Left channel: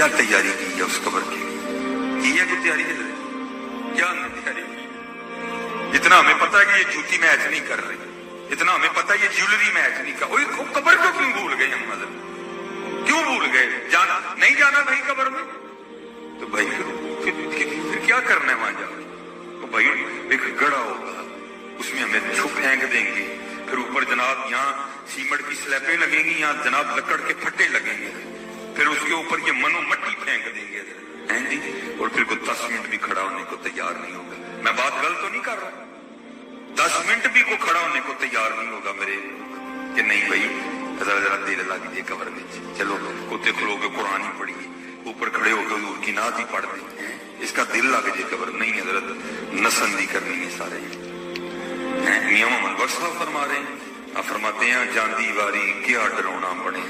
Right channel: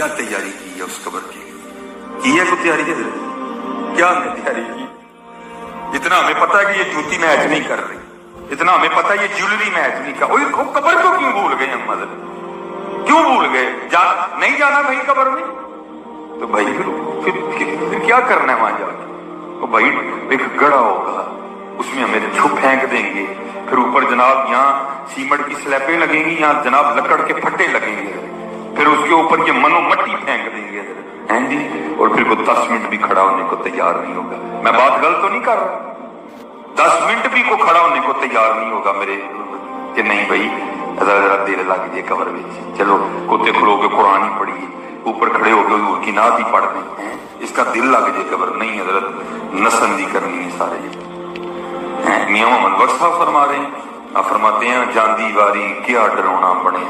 کیا تیاری کی ہے اس قبر کے لیے؟ کی ہے کوئی تیاری ہے؟ کیا ہم نے تیاری کی؟ اتنا ہمیں پتا ہے کہ یہ جوتی میچ نہیں کر رہی، اتنا ہمیں پتا ہے یہ جیولری میچ نہیں کر، قبر کو کیوں بھول گئے ہم؟ مطلب کیوں بھول گئے؟ نہیں جانا بھائی قبر میں تو بھائی پھر کیا کرنا ہے وہاں جا کے؟ بھائی ایک گڑھا ہوگا، اس میں ہمیں چھپ پھینک دیں گے، پھر اوپر جناب یہاں سیمنٹ کی سلیبیں لگیں گی، یہاں جناب لکڑ کے پھٹے لگیں گے، پھر اس کے اوپر یہ منو مٹی پھینک دیں گے جی، اور پھر کوئی 10 منٹ بھی کھڑا ہونے کو تیار نہیں ہوگا۔ میں بات غلط تو نہیں کر رہا؟ 10 منٹ بھی کو کھڑا ہونے کو تیار نہیں ہوگا میرے کہ نہیں بھائی ذرا دل لگ جائے قبر میں، چلو کتے کھلو کے قرآن ہی پڑھیے، اوپر کھڑے ہو کے حضور کی نعت ہی پڑھ دیں، اس کا دل لگ جائے قبر نہیں، حضرت نسندی کرنی ہے سارے۔ میاں محمد بخش صاحب فرما رہے ہیں، فرماتے ہیں جاندی واری کیا ڈرونا بنے